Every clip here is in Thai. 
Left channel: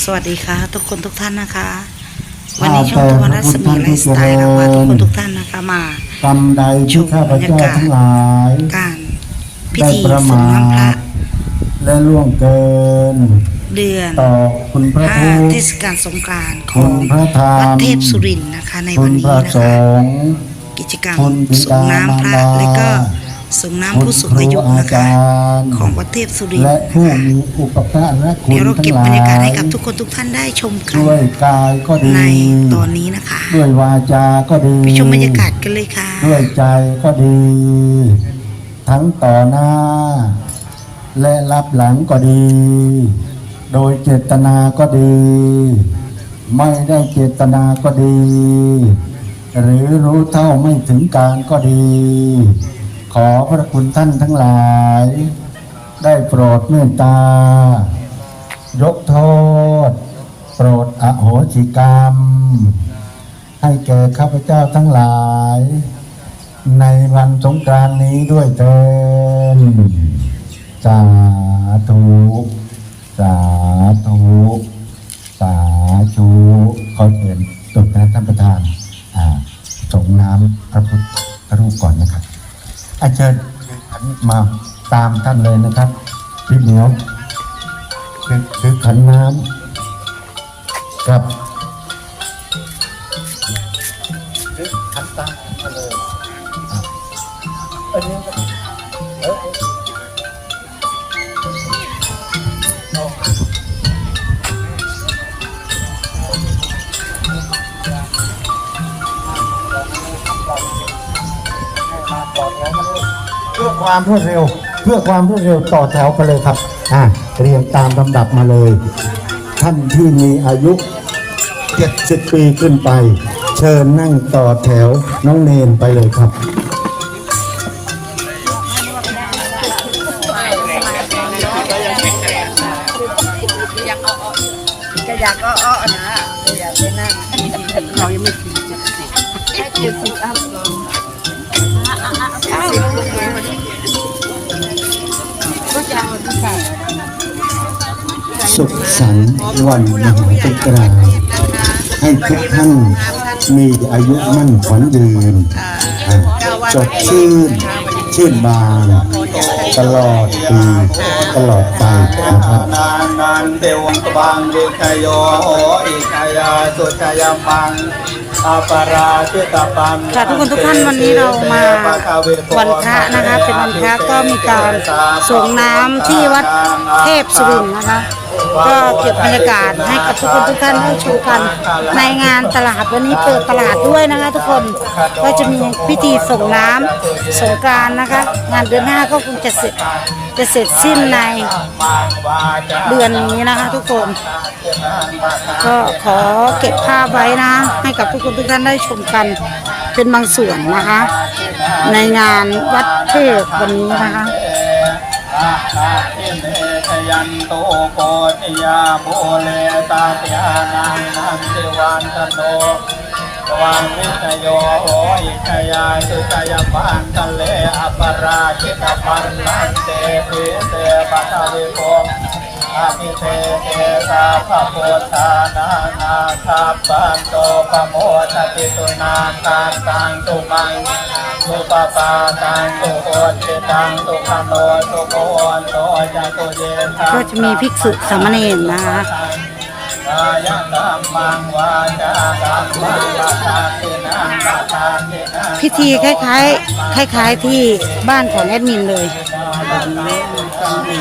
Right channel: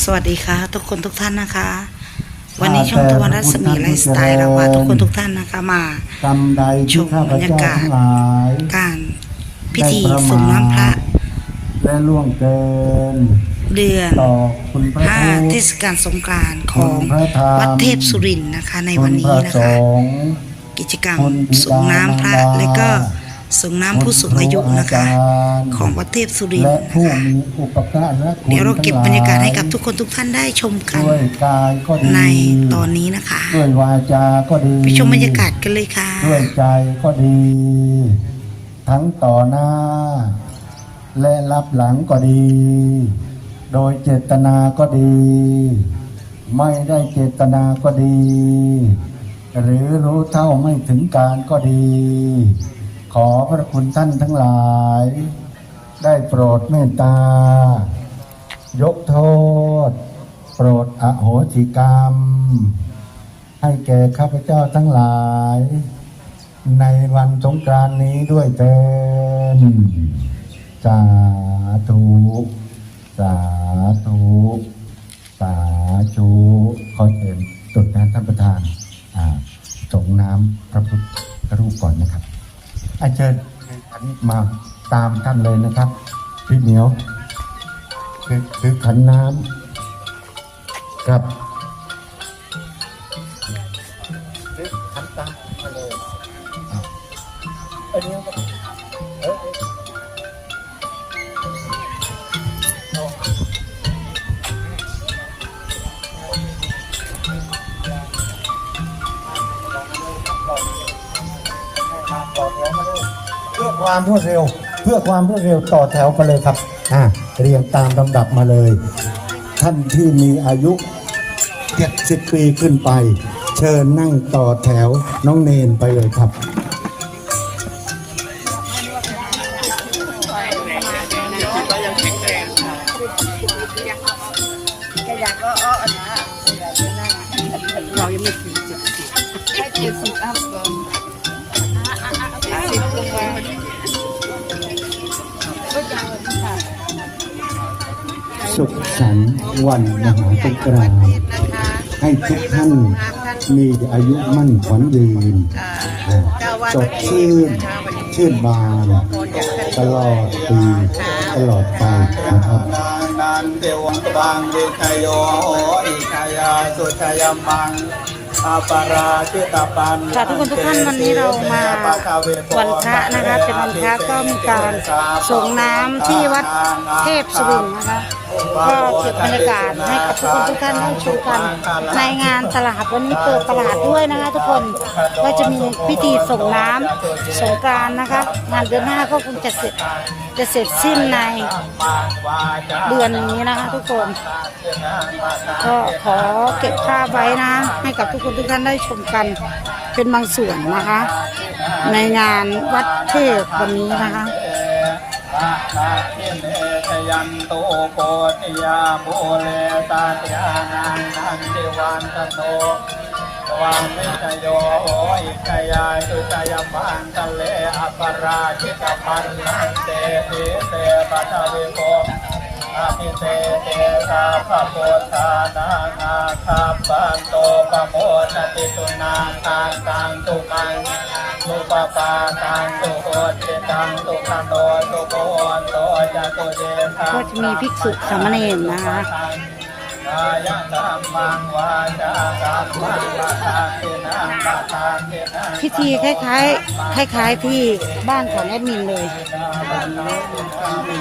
สวัสดีค่ะ ทุกคนทุกท่านนะคะ วันนี้ช่องตะวันรัศมีไลฟ์สไตล์เราพาทุกคนทุกท่านนะคะมากรรมใดที่ข้าพเจ้าทั้งหลายการพิธีส่งน้ำพระและล่วงเกินเดือนต่อคุณพระห้าพุทธเทศกาลสงกรานต์ของวัดเทพสุรินทร์นะคะในวันนี้นะคะณพรสงฆ์กิจกรรมส่งน้ำพระและก็ ส่งน้ำผู้สูงอายุนะคะ ของวัดเทพสุรินทและร์นะผู้คะมีอุปการะคุณเดี๋ยวเราเก็บบรรยากาศให้กับทุกคนทุกท่านได้ชมกันด้วยกายก็ดีในตอนนี้นะคะด้วยวาจาก็ดีไปชมบรรยากาศกันเลยค่ะด้วยใจก็ดี ทั้งต่อหน้า และรับหลังก็ดี โดยเจตนาก็ดี ไม่ได้เจตนาก็ดี หรือรู้เท่าไม่ถึงการก็ดี ขอพระคุณท่านทั้งหลาย ได้โปรดเมตตา ยกโทษ โปรดอโหสิกรรม ให้แก่ข้าพเจ้าทั้งหลาย ในวันสงกรานนี้ด้วยเถิดสาธุสาธุสาธุขอเชิญ เชิญมาตามท่านเลยนะครับพี่เหมียวคือคือขันน้ำครับ ความรวดเร็ว เพื่อความรวดเร็วต่อแถวกันเลยครับอ่าเรียงตามลำดับมาเลย ท่านที่มีอายุ 70 ปีขึ้นไป เชิญนั่งต่อแถวน้องเนนไปเลยครับจะอยากอ้อๆนะจะอยากไปนั่งเรายังไม่แค่เจ็ดสิบอัพเลย สุขสันต์วันมหาสงกรานต์ให้ทุกท่านมีอายุมั่นขวัญยืนอ่าสดชื่นชื่นบานตลอดปีตลอดไปนะครับนานันเทวบังวิคโยโหอิคายาสุขยมังอาปาราชิตปันค่ะทุกคนทุกท่านวันนี้เรามาวันพระนะคะเป็นวันพระก็มีการส่งน้ำที่วัดเทพสุรินทร์นะคะ ก็เก็บบรรยากาศให้กับทุกคนทุกท่านได้ชมกัน ในงานตลาดวันนี้เปิดตลาดด้วยนะคะ ทุกคนก็จะมีพิธีส่งน้ำสงกรานต์นะคะ งานเดือนหน้าก็คงจะเสร็จจะเสร็จสิ้นในเดือนนี้นะคะทุกคน ก็ขอเก็บภาพไว้นะ ให้กับทุกคนทุกท่านได้ชมกันเป็นบางส่วนนะคะ ในงานวัดเทพวันนี้นะคะ ยันโตโกติยาโมเลตาติยานังนันติวันตโนวังวิคโยโหอิคายาสุขยมังทะเลอปราชิตปันนันเตปิเตปัตวิโภอาภิเตเตสาภะโพธานานาคาปันโตปโมทติตุนาทานตังตุมังสุปปาตังสุโหติตังตุขโน ก็จะมีภิกษุสามเณรนะคะวายกรรมังวาจากรรมังละทาตินังละทาตินังพิธีคล้ายๆคล้ายๆที่บ้านของแอดมินเลยนี่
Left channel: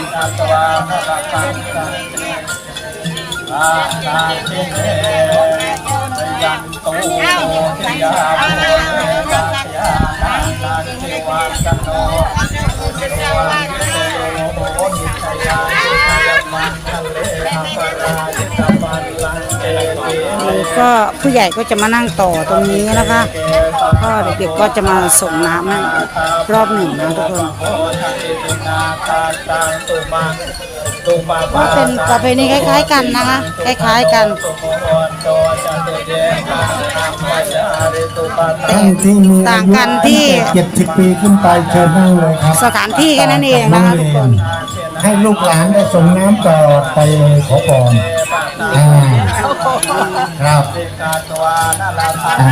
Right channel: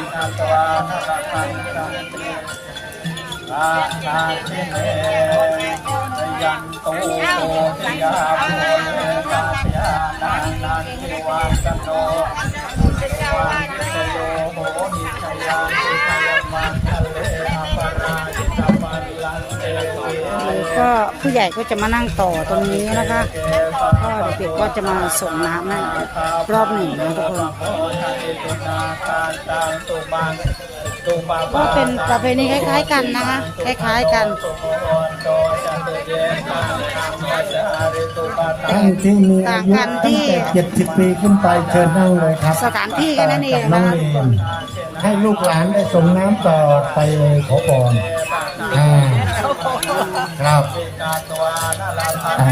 ก็ผู้ใหญ่ก็จะมานั่งต่อตรงนี้นะคะ ก็เด็กๆก็จะมาส่งน้ำรอบหนึ่งนะทุกคนก็เป็นประเพณีคล้ายๆกันนะคะคล้ายๆกันท่านที่มีต่างกันที่เจ็ดสิบปีขึ้นไปเชิญนั่งเลยครับ สถานที่แค่นั้นเองนะคะทุกคนค ให้ลูกหลานได้ส่งน้ำตลอไปขอพรอ่าครับกาตัวนาลาภาอ่า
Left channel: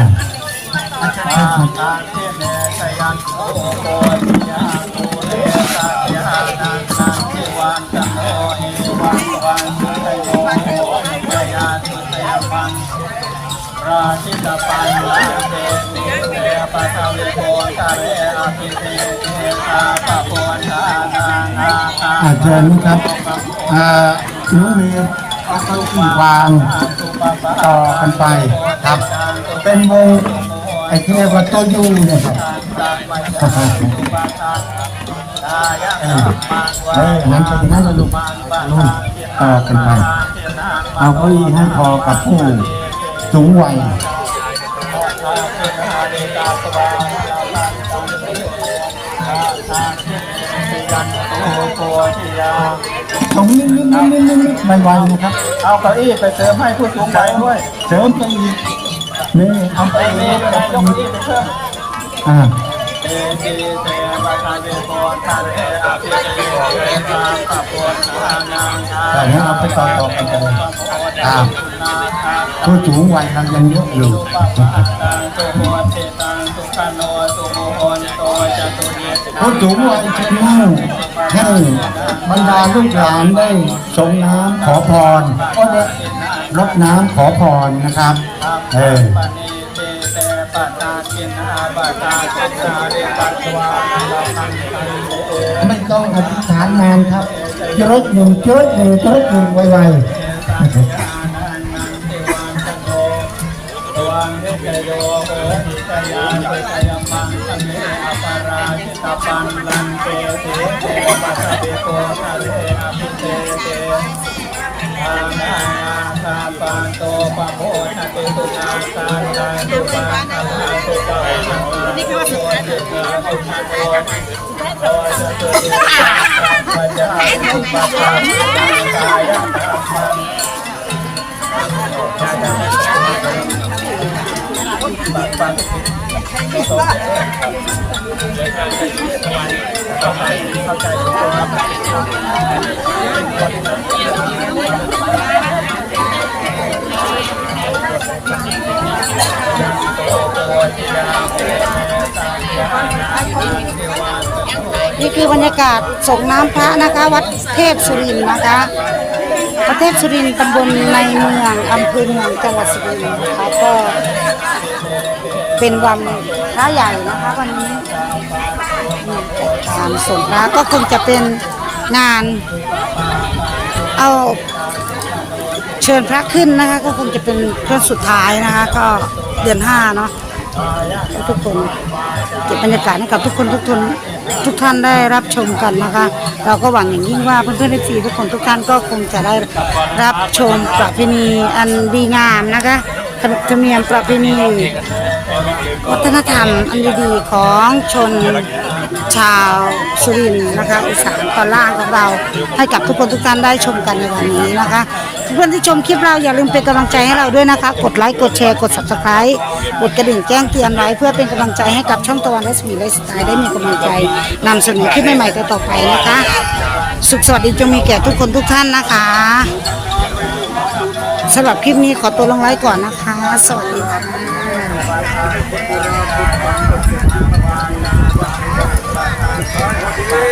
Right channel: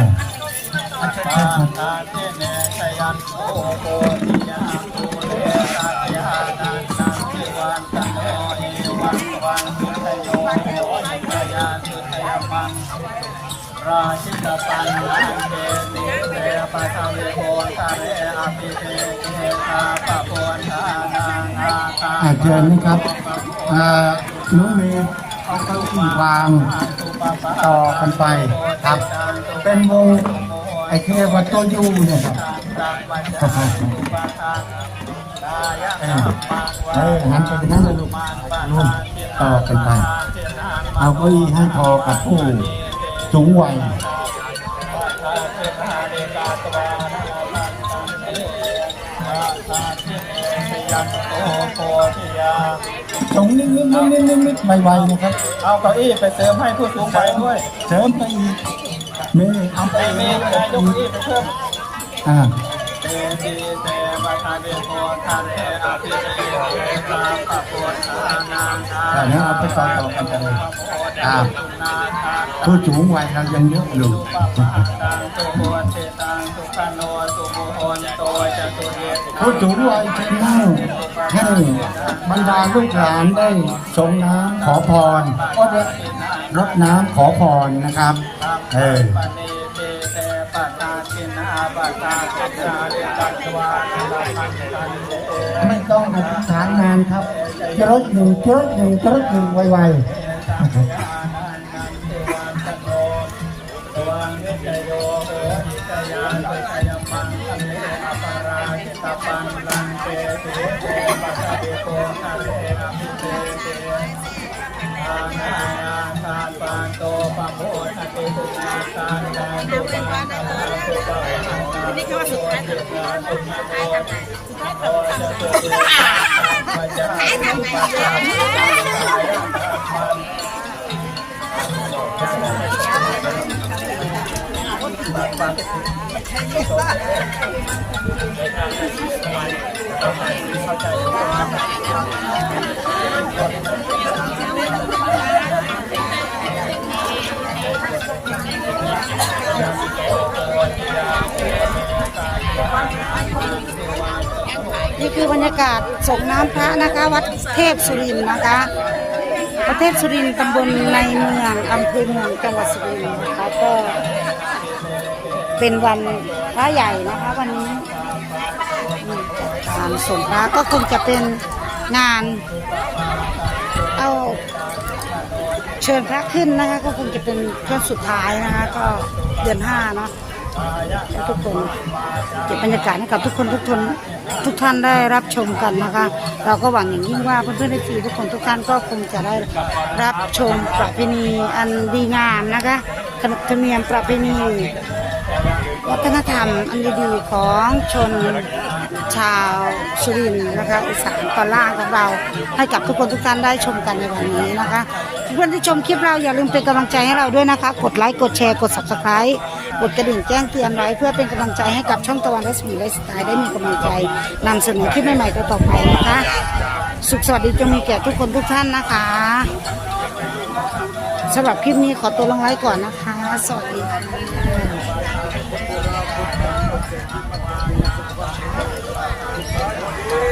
อาตาเทเนชยันโอโกติยาโมเลตาญานันทิวันตโนเอวันวันสุตโยโหขยาสุตยปังราชิตปันลาเตติเตปะทาวิโกทะเรอภิเตเตตาปะโพธานานาคา อาจารย์นะครับน้องเมย์เอาเก้าอี้วางต่อกันไปครับ เป็นวงไอ้ที่เรียกว่าโตยูเนี่ยครับเออเออหันไปทางนั้นลูกลูกต่อกันไปเอาเก้าอี้ให้พอกับผู้สูงวัย ยันโอโกทิยาตรงนิดนิดนิดนิดนิดนิดไวๆนะครับ เอาเก้าอี้ไปเสริมให้ผู้สูงวัยด้วย เสริมไปอีกนี่เอาไปไอ้เมนี่ไปยกเก้าอี้ไปเพิ่มอ่าเตติเตปะทาเวโกทะเรอนนี้เอาไปต่อต่อไปเลยอ่าผู้สูงวัยเรายังยกอยู่ ผู้สูงวัยจะนั่งให้บรรดาลูกหลานได้ส่งน้ำขอพร ก็ได้รดน้ำขอพรนะครับ เออไม่ต้องอธิษฐานนานครับเจริญหนึ่งเจริญหนึ่งเจริญหนึ่ไวดว นังเตเตเตปะทะเวโกทะเลอภิเตเตอานาคาปานโตปะโพชติตุนาคานังตุปันนาคาตุกะยังปัจจาตุปะปะกายะธรรมัง นี่คือบรรยากาศส่งน้ำพระนะคะ วัดเทพสุรินทร์นะคะวัดเทพสุรินทร์ตำบลในเมืองอำเภอเมืองจังหวัดสุรินทร์นะคะก็ เป็นวันพระใหญ่นะคะวันนี้อืมการส่งพระก็คงจะเป็นงาน เอาเชิญพระขึ้นนะคะ ก็คงจะเป็นเพื่อนสุดท้ายนะคะ ก็เดือนห้าเนาะทุกคนเก็บบรรยากาศให้กับทุกคนทุกคนทุกท่านได้รับชมกันนะคะ เราก็หวังอย่างยิ่งว่าเพื่อนๆที่ทุกคนทุกท่านก็คงจะได้รับชมประเพณีอันดีงามนะคะ ธรรมธรรมเนียมประเพณีวัฒนธรรมอันดีๆของชนชาวสุรินทร์นะคะอีสานตอนล่างของเรา ให้กับทุกคนทุกท่านได้ชมกันในวันนี้นะคะเพื่อนที่ชมคลิปเราอย่าลืมเป็นกำลังใจให้เราด้วยนะคะ กดไลค์กดแชร์กด subscribe กดกระดิ่งแจ้งเตือนไว้เพื่อเป็นกำลังใจให้กับช่องตะวันและสมีและสไตล์ได้มีกำลังใจนำเสนอคลิปใหม่ๆต่อไปนะคะ สุขสวัสดีจงมีแก่ทุกคนทุกท่านนะคะสำหรับคลิปนี้ขอตัวลงไลค์ก่อนนะคะ สวัสดีค่ะ